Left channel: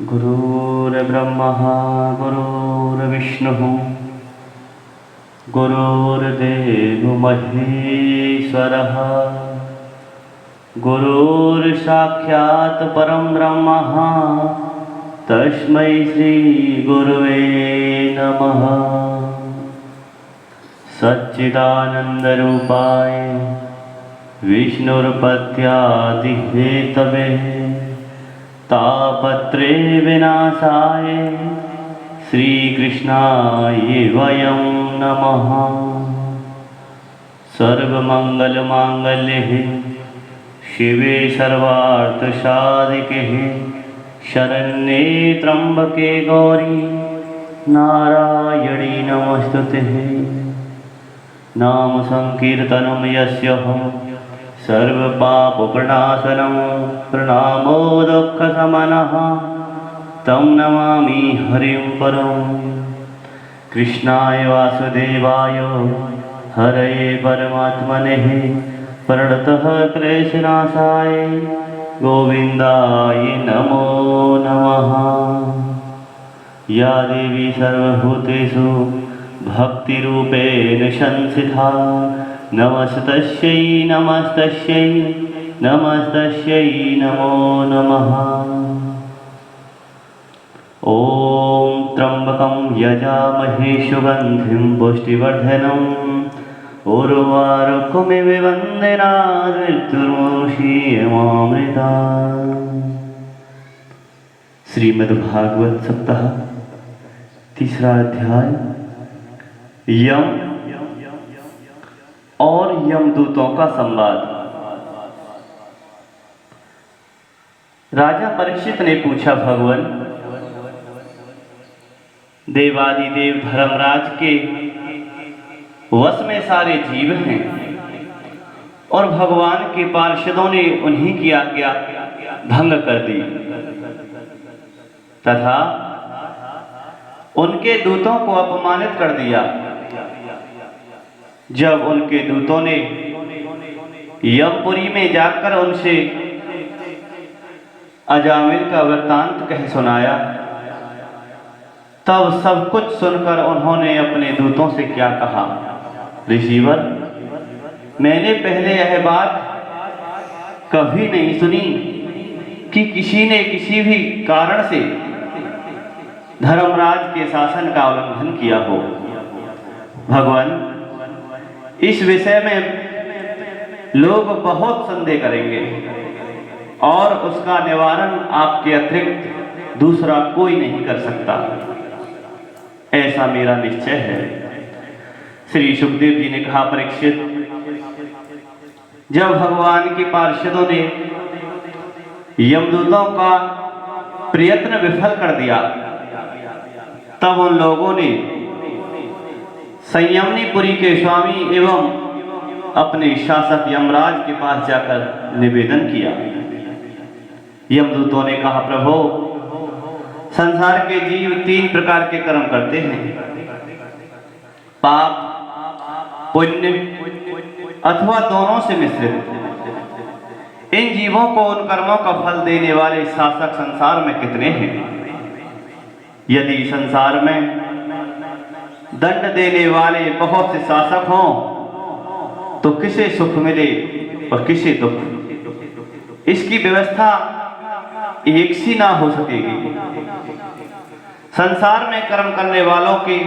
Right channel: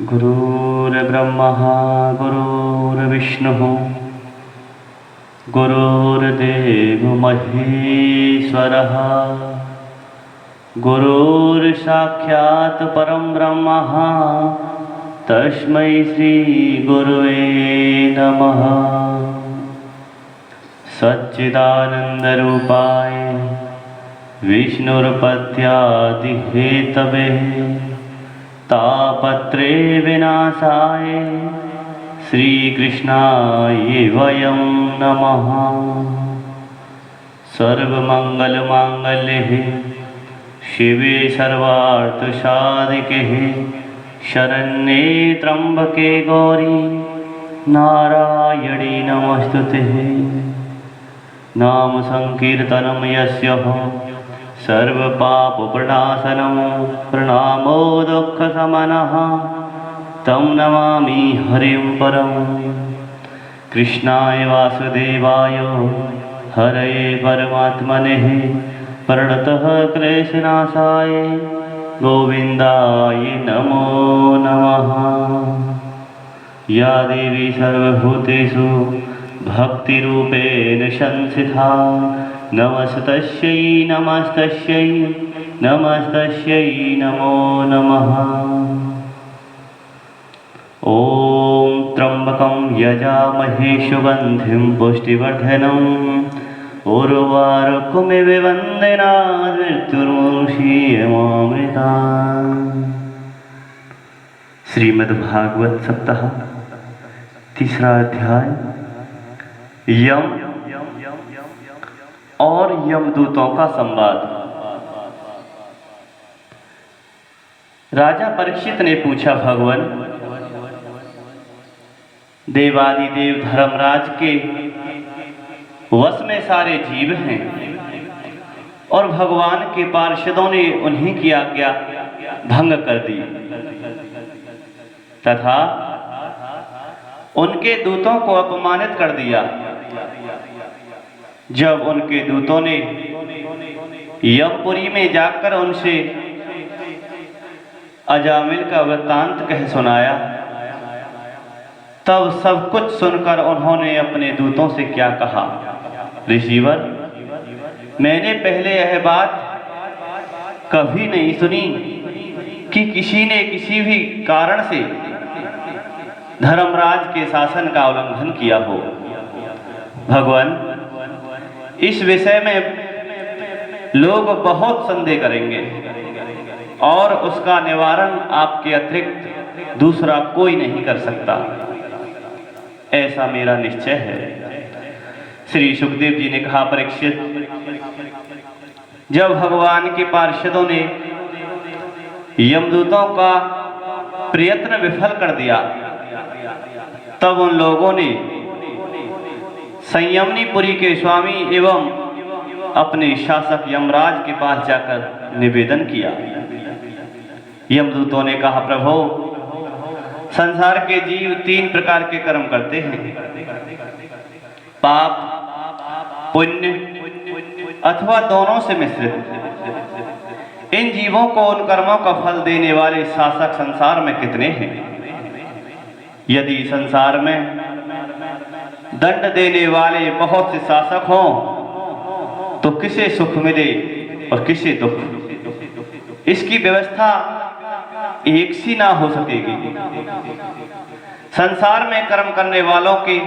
गुरुर्ब्रह्मा गुरुर्विष्णुः गुरुर्देवो महेश्वरः गुरुर्साक्षात् परं ब्रह्म तस्मै श्री गुरुवे नमः। सच्चिदानन्दरूपाय विष्णुर्पत्यादिहेतवे तापत्रे विनाशाय श्रीकृष्णाय वयं नमः। सर्वमङ्गलमाङ्गल्ये शिवे सर्वार्थसाधिके शरण्ये त्र्यम्बके गौरी नारायणी नमोस्तुते। नाम संकीर्तनं यस्य सर्वपापप्रणाशनं प्रणामो दुःखशमनः तं नमामि हरिं परम्। कृष्णाय वासुदेवाय हरये परमात्मने प्रणतः क्लेशनाशाय गोविन्दाय नमो नमः। या देवी सर्वभूतेषु भक्तिरूपेण संस्थिता नमस्तस्यै नमस्तस्यै नमस्तस्यै नमो नमः। ॐ त्र्यम्बकं यजामहे सुगन्धिं पुष्टिवर्धनम् उर्वारुकमिव वन्दनात् मृत्युर्मुक्षीयमामृतात्। श्रीमद्भागवत सप्ताह तीसरा अध्याय यम और यमदूतों का संवाद। राजा परीक्षित ने पूछा, भगवान, देवादिदेव धर्मराज के वश में सारे जीव हैं और भगवान के पार्षदों ने उन्हीं की आज्ञा भंग कर दी तथा उनके दूतों को अपमानित कर दिया। जब उनके दूतों ने यमपुरी में जाकर उनसे अजामिल का वृत्तांत कह सुनाया, तब सब कुछ सुनकर उन्होंने अपने दूतों से क्या कहा, ऋषिवर, मैंने पहले यह बात कभी नहीं सुनी कि किसी ने किसी भी कारण से धर्मराज के शासन का उल्लंघन किया हो। भगवान, इस विषय में लोग बहुत संदेह करेंगे और उसका निवारण आपके अतिरिक्त दूसरा कोई नहीं कर सकता, ऐसा मेरा निश्चय है। श्री सुखदेव जी ने कहा, परीक्षित, जब भगवान के पार्षदों ने यमदूतों का प्रयत्न विफल कर दिया, तब उन लोगों ने संयमनीपुरी के स्वामी एवं अपने शासक यमराज के पास जाकर निवेदन किया। यमदूतों ने कहा, प्रभु, संसार के जीव 3 प्रकार के कर्म करते हैं, पाप, पुण्य अथवा दोनों से मिश्रित। इन जीवों को उन कर्मों का फल देने वाले शासक संसार में कितने हैं? यदि संसार में दंड देने वाले बहुत से शासक हों तो किसे सुख मिले और किसे दुख? इसकी व्यवस्था एक सी ना हो सकेगी। संसार में कर्म करने वालों के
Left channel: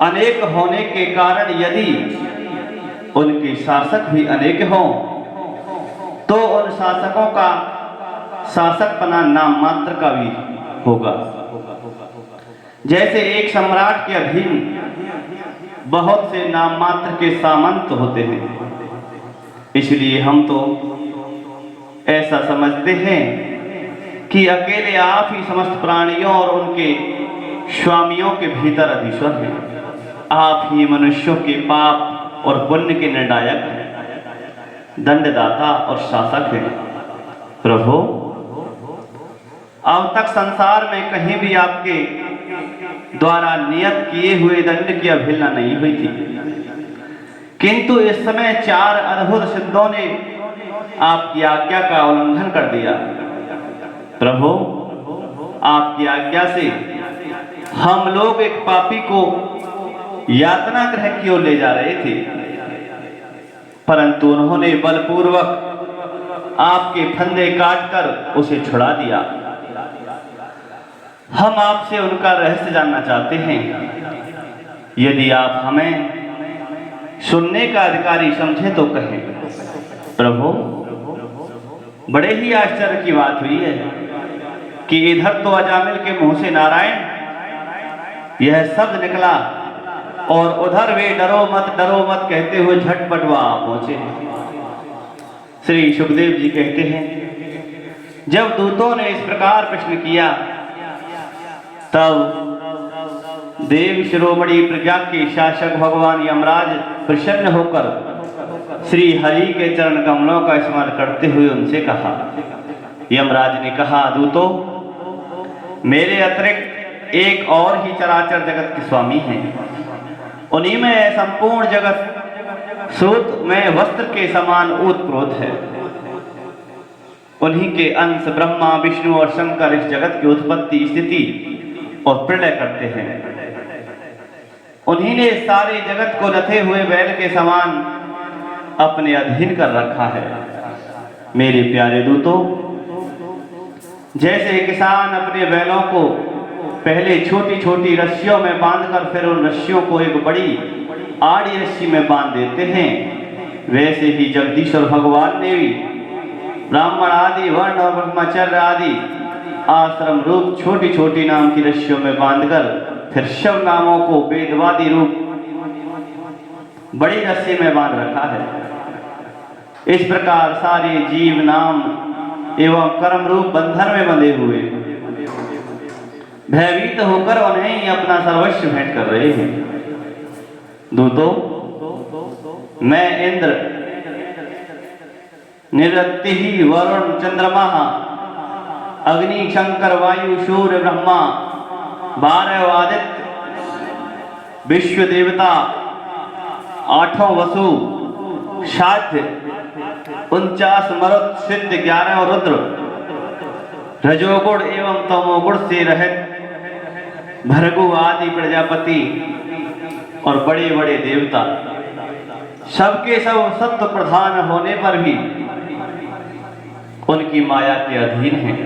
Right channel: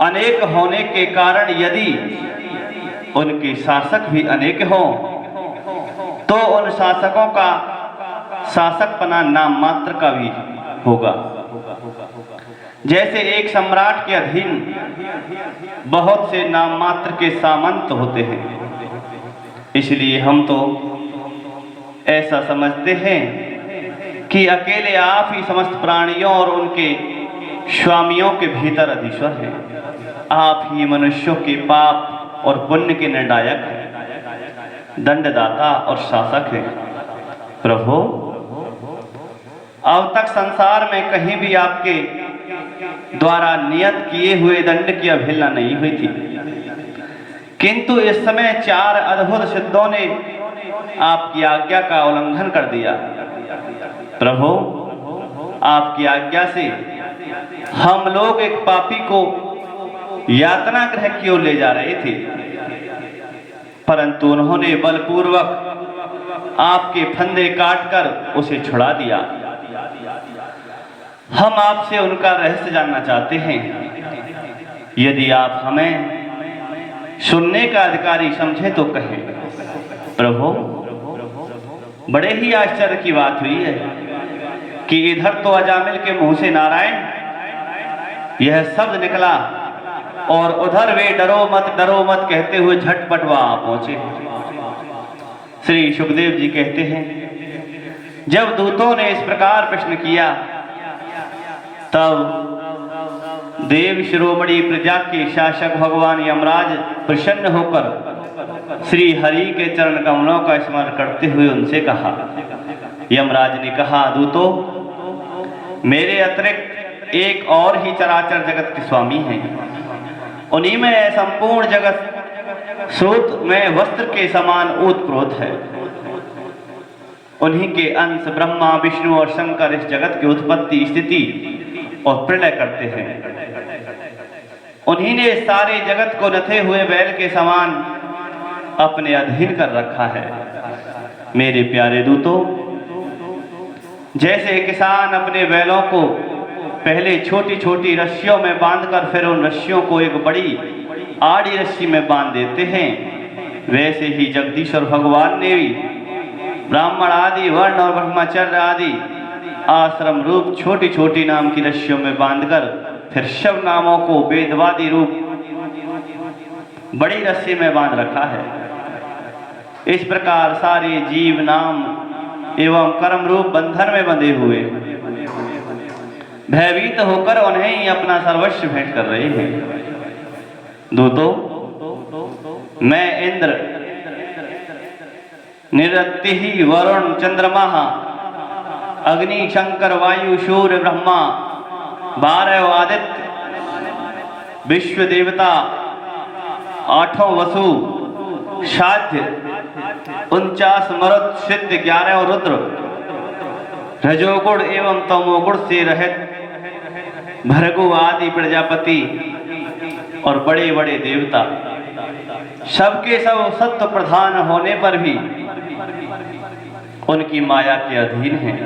अनेक होने के कारण यदि उनके शासक भी अनेक हों तो उन शासकों का शासकपना नाम मात्र का भी होगा। जैसे एक सम्राट के अधीन बहुत से नाम मात्र के सामंत होते हैं, इसलिए हम तो ऐसा समझते हैं कि अकेले आप ही समस्त प्राणियों और उनके स्वामियों के भीतर अधीश्वर हैं। आप ही मनुष्यों के पाप और पुण्य के निर्णायक हैं, दंडदाता और शासक हैं। प्रभु, अब तक संसार में कहीं भी आपके द्वारा नियत किए हुए दंड की अवहेलना नहीं हुई थी, किंतु इस समय 4 अद्भुत सिद्धों ने आपकी आज्ञा का उल्लंघन कर दिया। प्रभु, आपकी आज्ञा से हम लोग एक पापी को यातना गृह की ओर ले जा रहे थे, परंतु उन्होंने बलपूर्वक आपके फंदे काटकर उसे छुड़ा दिया। हम आपसे उनका रहस्य जानना चाहते हैं। यदि आप हमें सुनने का अधिकारी समझे तो कहें। प्रभु, बड़े ही आश्चर्य की बात हुई है कि इधर तो अजामिल के मुंह से नारायण यह शब्द निकला और उधर वे डरो मत कहते हुए झटपट वहां पहुंचे। श्री सुखदेव जी कहते हैं, जब दूतों ने इस प्रकार प्रश्न किया तब देव शिरोमणि प्रजा के शासक भगवान यमराज प्रसन्न होकर श्री हरि के चरण कमलों का स्मरण करते हुए उनसे कहा। यमराज ने कहा, दूतों, मेरे अतिरिक्त एक और ही चराचर जगत के स्वामी हैं। उन्हीं में संपूर्ण जगत सूत में वस्त्र के समान ओतप्रोत है। उन्हीं के अंश ब्रह्मा, विष्णु और शंकर इस जगत की उत्पत्ति, स्थिति और प्रलय करते हैं। उन्हीं ने सारे जगत को नथे हुए बैल के समान अपने अधीन कर रखा है। मेरे प्यारे दूतों, जैसे किसान अपने बैलों को पहले छोटी छोटी रस्सियों में बांधकर फिर उन रस्सियों को एक बड़ी आड़ी रस्सी में बांध देते हैं, वैसे ही जगदीश्वर भगवान ने भी ब्राह्मण आदि वर्ण और ब्रह्मचर्य आदि आश्रम रूप छोटी छोटी नाम की रस्सियों में बांधकर फिर शिव नामों को वेदवादी रूप बड़ी रस्सी में बांध रखा है। इस प्रकार सारे जीव नाम एवं कर्म रूप बंधन में बंधे हुए भयभीत होकर उन्हें ही अपना सर्वस्व भेंट कर रहे हैं। दूतों, मैं इंद्र, निरति ही वरुण, चंद्रमा, अग्नि, शंकर, वायु, सूर्य, ब्रह्मा, 12 आदित्य, विश्व देवता, 8 वसु, साध्य, 49 मरुत, सिद्ध, 11 रुद्र, रजोगुण एवं तमोगुण से रहित भृगु आदि प्रजापति और बड़े बड़े देवता, सबके सब सत्व प्रधान होने पर भी उनकी माया के अधीन हैं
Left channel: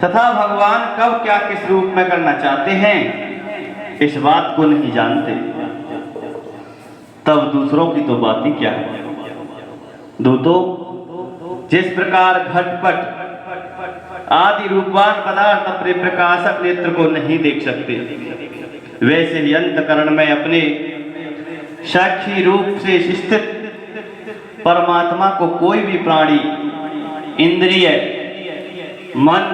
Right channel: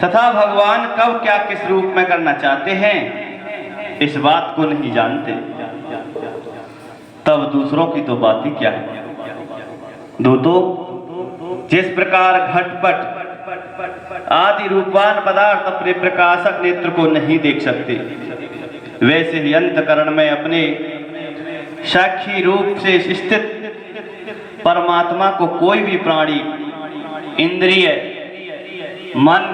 तथा भगवान कब क्या किस रूप में करना चाहते हैं इस बात को नहीं जानते। तब दूसरों की तो बात ही क्या है। दूतों, जिस प्रकार घटपट आदि रूपवान पदार्थ अपने प्रकाशक नेत्र को नहीं देख सकते, वैसे ही अंतकरण में अपने साक्षी रूप से स्थित परमात्मा को कोई भी प्राणी इंद्रिय, मन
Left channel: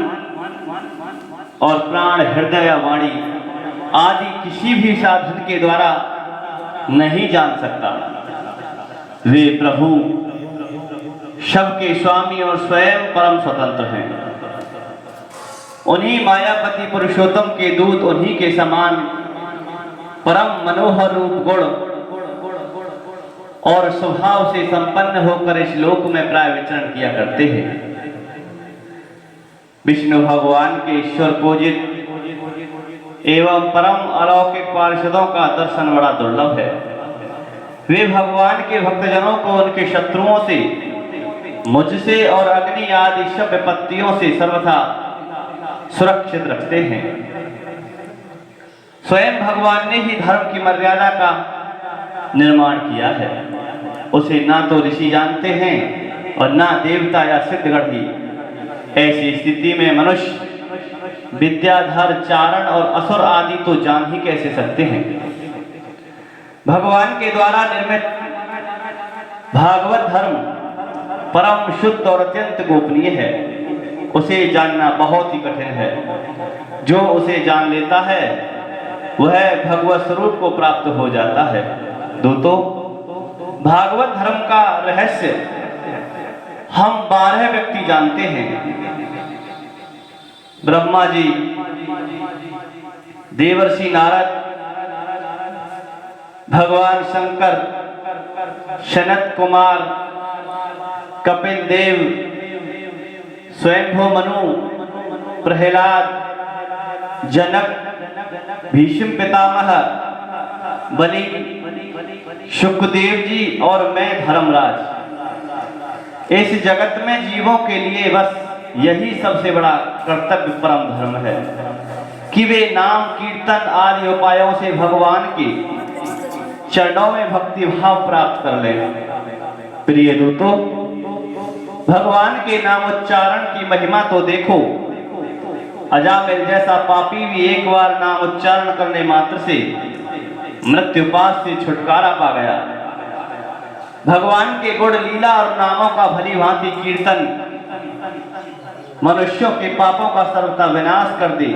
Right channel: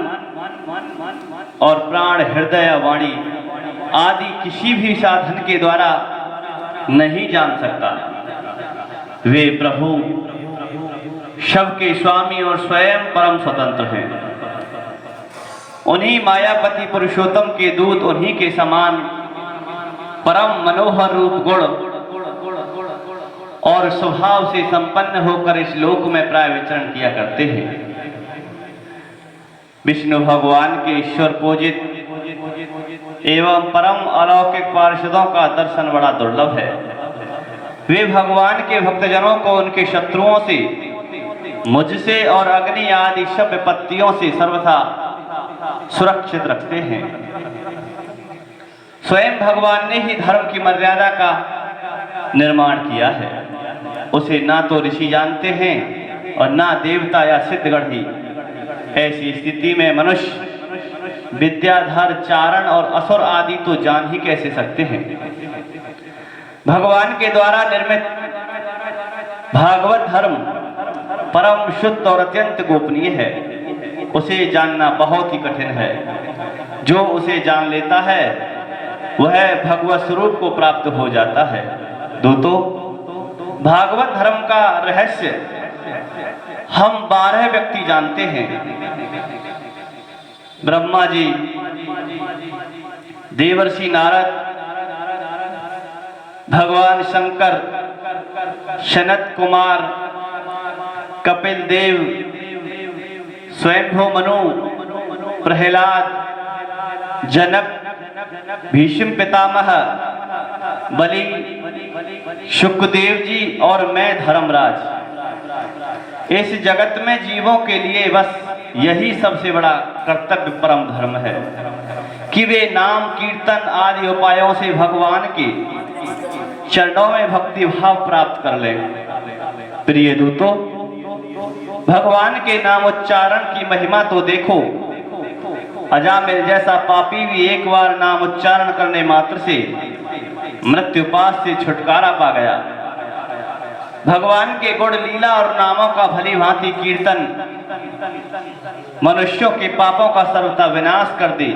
और प्राण, हृदय, वाणी आदि किसी भी साधन के द्वारा नहीं जान सकता। वे प्रभु सबके स्वामी और स्वयं परम स्वतंत्र हैं। उन्हीं मायापति पुरुषोत्तम के दूत उन्हीं के समान परम मनोहर रूप गुण और स्वभाव से संपन्न होकर इस लोक में प्राय विचरण किया करते हैं। विष्णु भगवान के ईश्वर पूजित एवं परम अलौकिक पार्षदों का दर्शन बड़ा दुर्लभ है। वे भगवान के भक्तजनों को उनके शत्रुओं से, मुझसे और अग्नि आदि सब विपत्तियों से सर्वथा सुरक्षित रखते हैं। स्वयं भगवान ने ही धर्म की मर्यादा का निर्माण किया है। उसे ना तो ऋषि जानते हैं और ना देवता या सिद्धगण ही। ऐसी स्थिति में मनुष्य विद्याधर, चारण और असुर आदि तो जान ही कैसे सकते हैं। भगवान के द्वारा निर्मित भागवत धर्म परम शुद्ध और अत्यंत गोपनीय है। उसे जानना बहुत ही कठिन है। जो उसे जान लेता है वह भगवत स्वरूप को प्राप्त हो जाता है। दूतों, भागवत धर्म का रहस्य हम 12 व्यक्ति जानते हैं। ब्रह्मा जी, देवर्षि नारद, भगवान शंकर, सनत कुमार, कपिल देव, स्वयंभू मनु, प्रहलाद, जनक, भीष्म पितामह, बलि, सुखदेव जी और मैं धर्मराज। इस जगत में जीवों के लिए बस यही सबसे बड़ा कर्तव्य परम धर्म है कि वे नाम कीर्तन आदि उपायों से भगवान के चरणों में भक्ति भाव प्राप्त कर ले। प्रिय दूतों, भगवान के नाम उच्चारण की महिमा तो देखो। अजामिल जैसा पापी भी एक बार नाम उच्चारण करने मात्र से मृत्युपाश से छुटकारा पा गया। भगवान के गुण लीला और नामों का भली भांति कीर्तन मनुष्यों के पापों का सर्वथा विनाश कर दे,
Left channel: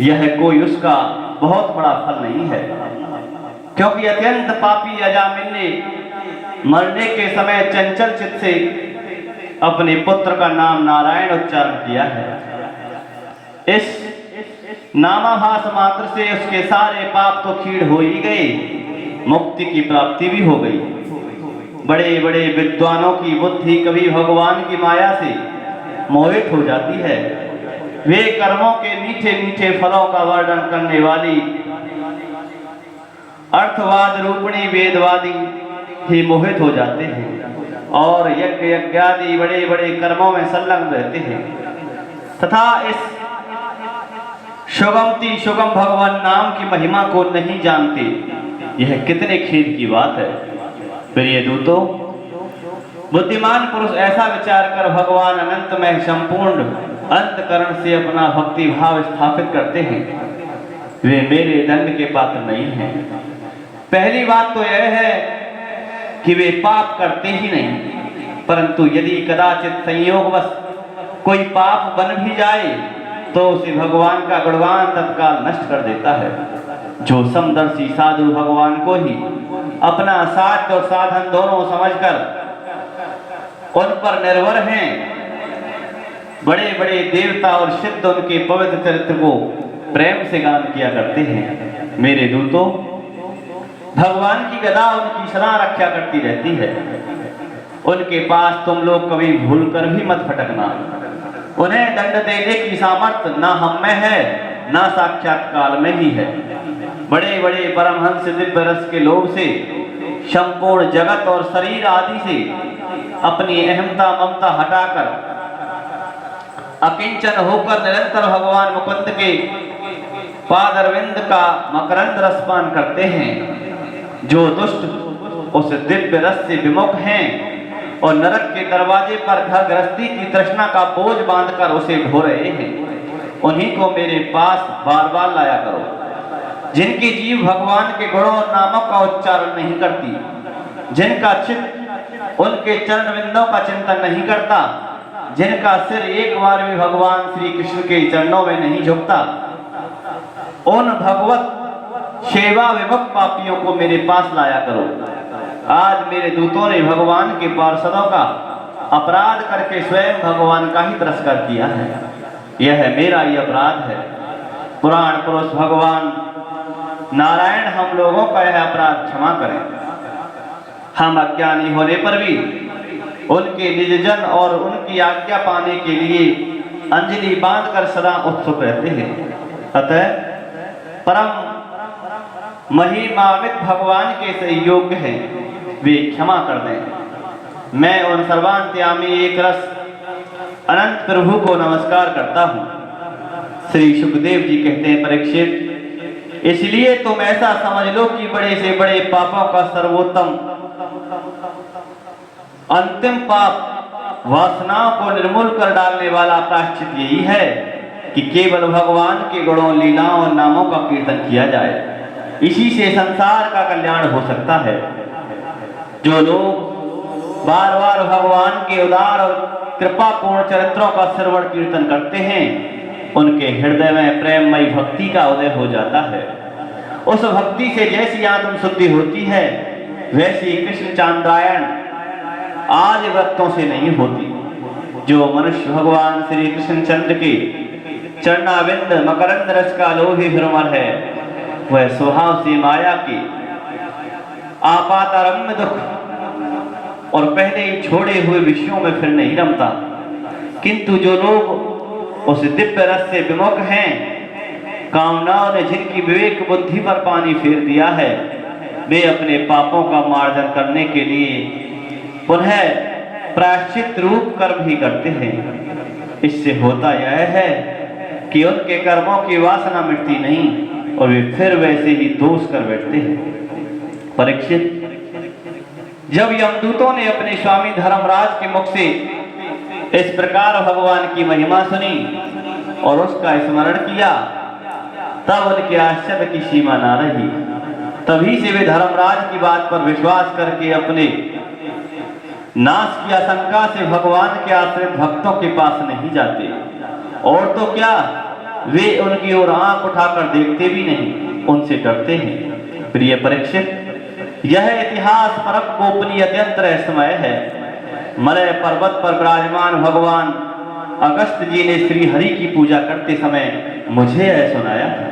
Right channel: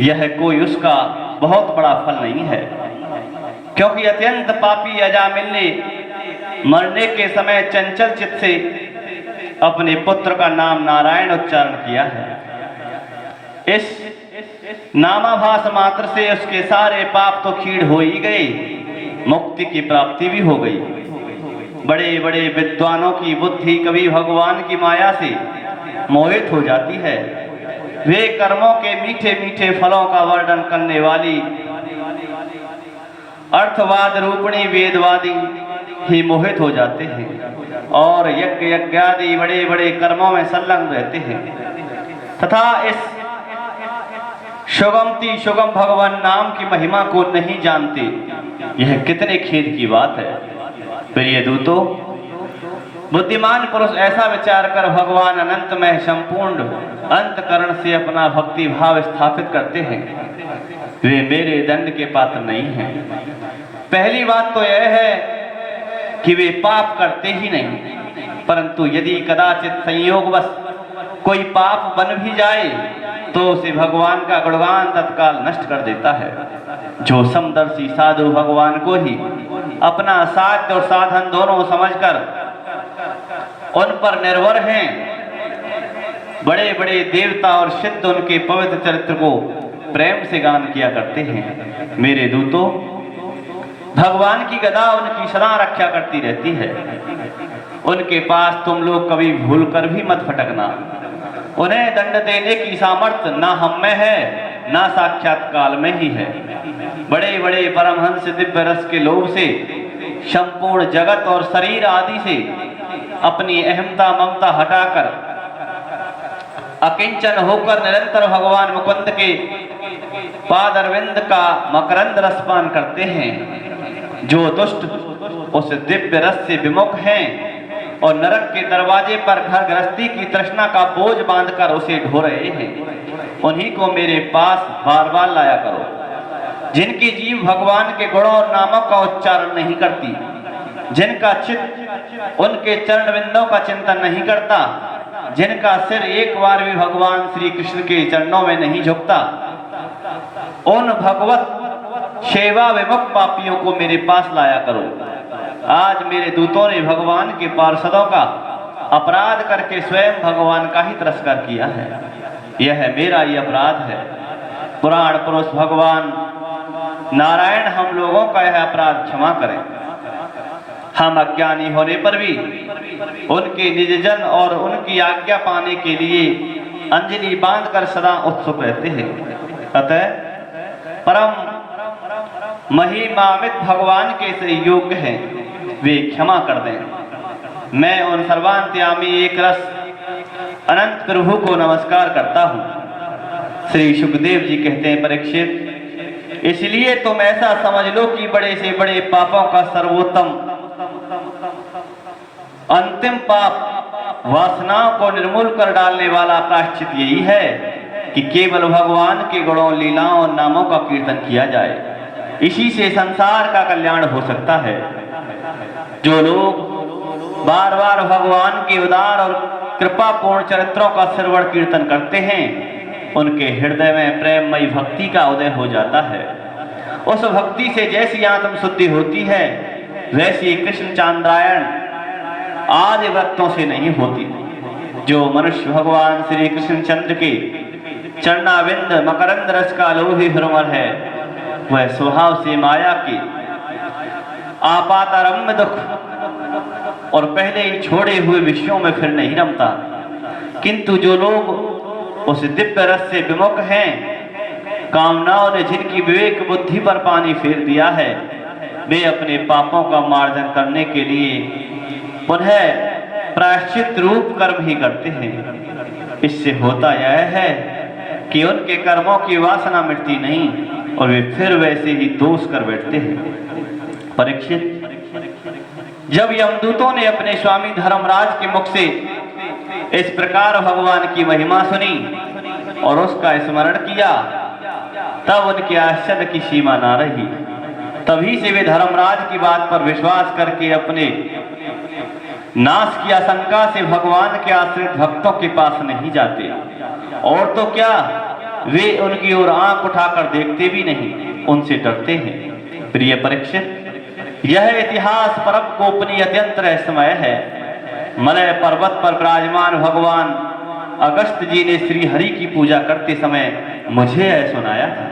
यह कोई उसका बहुत बड़ा फल नहीं है। क्योंकि अत्यंत पापी अजामिल ने मरने के समय चंचल चित्त से अपने पुत्र का नाम नारायण उच्चारण किया है। इस नामाभास मात्र से उसके सारे पाप तो खीड़ हो ही गए, मुक्ति की प्राप्ति भी हो गई। बड़े बड़े विद्वानों की बुद्धि कभी भगवान की माया से मोहित हो जाती है। वे कर्मों के मीठे मीठे फलों का वर्णन करने वाली अर्थवाद रूपणी वेदवादी ही मोहित हो जाते हैं और यज्ञ यज्ञादि बड़े बड़े कर्मों में संलग्न रहते हैं तथा इस सुगमति सुगम भगवान नाम की महिमा को नहीं जानते। यह कितने खेद की बात है। प्रिय दूतों, बुद्धिमान पुरुष ऐसा विचार कर भगवान अनंत में संपूर्ण अंतकरण से अपना भक्ति भाव स्थापित करते हैं। वे मेरे दंड के पात्र नहीं हैं। पहली बात तो यह है कि वे पाप करते ही नहीं, परंतु यदि कदाचित संयोगवश कोई पाप बन भी जाए तो उसे भगवान का गुणगान तत्काल नष्ट कर देता है। जो समदर्शी साधु भगवान को ही अपना साध्य और साधन दोनों समझकर उन पर निर्भर हैं, बड़े बड़े देवता और सिद्ध उनके पवित्र चरित्र को प्रेम से गान किया करते हैं। मेरे दूतों, भगवान की गदा उनकी सदा रक्षा करती रहती है। उनके पास तुम लोग कभी भूल कर भी मत फटकना। उन्हें दंड देने की सामर्थ्य ना हम में है, ना साक्षात काल में ही है। बड़े बड़े परमहंस दिव्य रस के लोभ से संपूर्ण जगत और शरीर आदि से अपनी अहमता ममता हटाकर अकिंचन होकर निरंतर भगवान मुकुंद के पादारविंद का मकरंद रसपान करते हैं। जो दुष्ट उस दिव्य रस से विमुख हैं और नरक के दरवाजे पर घर गृहस्थी की तृष्णा का बोझ बांधकर उसे ढो रहे हैं, उन्हीं को मेरे पास बार बार लाया करो। जिनकी जीव भगवान के गुणों और नामों का उच्चारण नहीं करती, जिनका चित्त उनके चरण बिंदों का चिंतन नहीं करता, जिनका सिर एक बार भी भगवान श्री कृष्ण के चरणों में नहीं झुकता, उन भगवत सेवा विमुख पापियों को मेरे पास लाया करो। आज मेरे दूतों ने भगवान के पार्षदों का अपराध करके स्वयं भगवान का ही तिरस्कार किया है। यह मेरा ही अपराध है। पुराण पुरुष भगवान नारायण हम लोगों का यह अपराध क्षमा करें। हम अज्ञानी होने पर भी उनके निज जन और उनकी आज्ञा पाने के लिए अंजलि बांधकर सदा उत्सुक रहते हैं। अतः परम महिमान्वित भगवान के से योग्य हैं, वे क्षमा कर दें। मैं उन सर्वांतयामी एक रस अनंत प्रभु को नमस्कार करता हूँ। श्री सुखदेव जी कहते हैं, परीक्षित, इसलिए तुम ऐसा समझ लो कि बड़े से बड़े पापों का सर्वोत्तम अंतिम पाप वासनाओं को निर्मूल कर डालने वाला प्रायश्चित यही है कि केवल भगवान के गुणों लीलाओं और नामों का कीर्तन किया जाए। इसी से संसार का कल्याण हो सकता है। जो लोग बार बार भगवान के उदार और कृपापूर्ण चरित्रों का श्रवण कीर्तन करते हैं, उनके हृदय में प्रेममयी भक्ति का उदय हो जाता है। उस भक्ति से जैसी आत्म शुद्धि होती है, वैसी कृष्ण चांद्रायण आदि व्रतों से नहीं होती। जो मनुष्य भगवान श्री कृष्ण चंद्र के चरणाविंद मकरंद रस का लोभी भ्रमर है, वह स्वभाव से माया की आपातारम्भ दुख और पहले ही छोड़े हुए विषयों में फिर नहीं रमता। किंतु जो लोग उस दिव्य रस से विमुख हैं, कामनाओं ने जिनकी विवेक बुद्धि पर पानी फेर दिया है, वे अपने पापों का मार्जन करने के लिए पुनः प्रायश्चित रूप कर्म ही करते हैं। इससे होता यह है कि उनके कर्मों की वासना मिटती नहीं और वे फिर वैसे ही दोष कर बैठते हैं। परीक्षित, जब यमदूतों ने अपने स्वामी धर्मराज के मुख से इस प्रकार भगवान की महिमा सुनी और उसका स्मरण किया, तब उनके आश्चर्य की सीमा ना रही। तभी से वे धर्मराज की बात पर विश्वास करके अपने नाश की आशंका से भगवान के आश्रित भक्तों के पास नहीं जाते, और तो क्या, वे उनकी ओर आंख उठाकर देखते भी नहीं, उनसे डरते हैं। प्रिय परीक्षित, यह इतिहास परम गोपनीय अत्यंत रहस्यमय है। मलय पर्वत पर विराजमान भगवान अगस्त जी ने श्री हरि की पूजा करते समय मुझे यह सुनाया है।